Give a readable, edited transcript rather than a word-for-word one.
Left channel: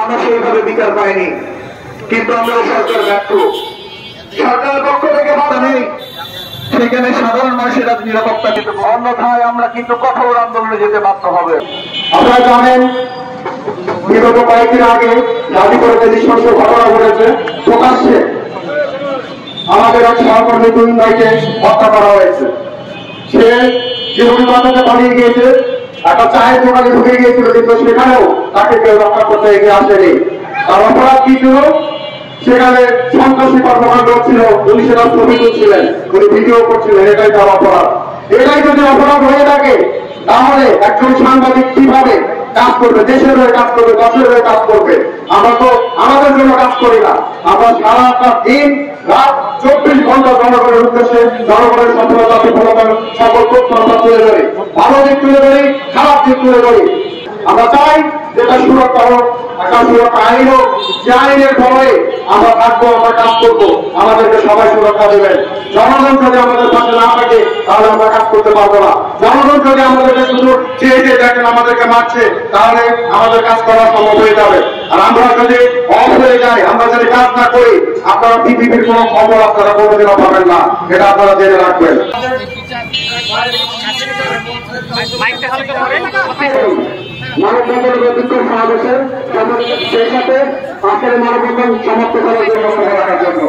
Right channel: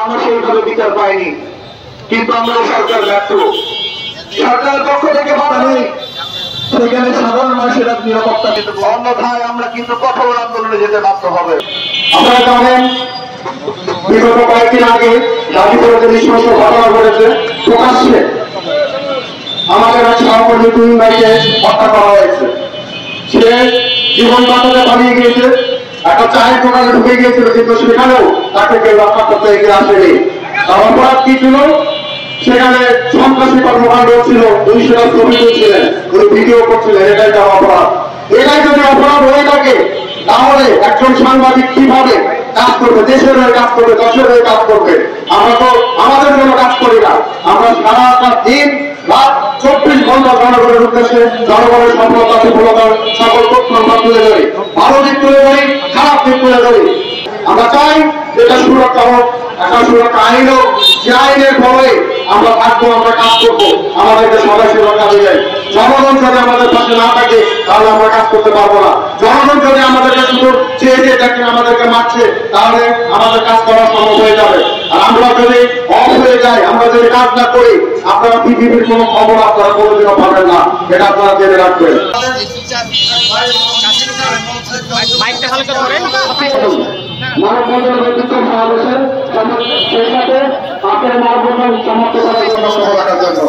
আমরা সেইভাবে বিচার পাইনি, কিন্তু আমরা সরকার ব্যর্থ। সরকারের পক্ষ থেকে বাধা নেই, সেখানে সাধারণ মানুষের নিরাপত্তা কিন্তু অন্যথায় আমরা কিন্তু কঠোর আন্দোলনে যেতে বাধ্য হবে। আপনারা জানেন বিগত কয়েকদিন আগে গাজীপুরে যে নৃশংস ঘটনা ঘটেছে, প্রকাশ্যে আমাদের এক সহকর্মী তুহিন ভাইকে হত্যা করা হয়েছে। সে জীবন বাঁচাতে পালিয়ে গিয়েছে, একটা চায়ের দোকানে ঢুকে গিয়েছিল, কিন্তু সেখানেও তাকে কেউ রক্ষা করতে এগিয়ে আসেনি। তার অপরাধ কি ছিল? সেখানে সন্ত্রাসী কর্মকাণ্ড ছিল, পুলিশেরা ছবি তুলছিলেন, ওই ভিডিও করছিলেন, এটাই তার অপরাধ। এটাই যদি অপরাধ হয়ে থাকে, তাহলে একজন সাংবাদিক কিভাবে কাজ করবে? দেশের হয়ে কাজ করবে, দশের হয়ে কাজ করবে। আমরা তো আমাদের জন্য কাজ করি না, আমরা সারাটা দিন রাত 24 ঘন্টা জনগণের উদ্দেশ্যে জনগণের সফলতা বিফলতার সকল তথ্য আমরা তুলে ধরি, ভালো দিক তুলে ধরি, খারাপ দিক তুলে ধরি। আমরা চাই যেটা সুরক্ষা হোক, একটা সুরক্ষা আইন হোক, যে আইনের ফলে আমরা থাকবো, আমরা কাজ করবো, আমাদেরকে সবাই সুরক্ষা দেবেন। জনগণ যদি আমাদের পাশে না থাকে তাহলে আমরা কাজ করতে পারবো না। জনগণ যদি আমাদেরকে শুধু চেয়ে চেয়ে দেখেন আমাদেরকে মারছে, তাহলে আমাদের কাজ করা সম্ভব হয়ে যাবে। আর আমরা যদি অফ হয়ে যাই, আমরা যদি কাজ না করি, আপনারা পৃথিবীর কোনো খবর আপনারা কোনোদিনও পাবেন না, এটা আপনারা জেনে রাখবেন। মানববন্ধনের বিচার সমাবেশের সেই সাথে আপনার মানববন্ধন সমাপ্ত করার জন্য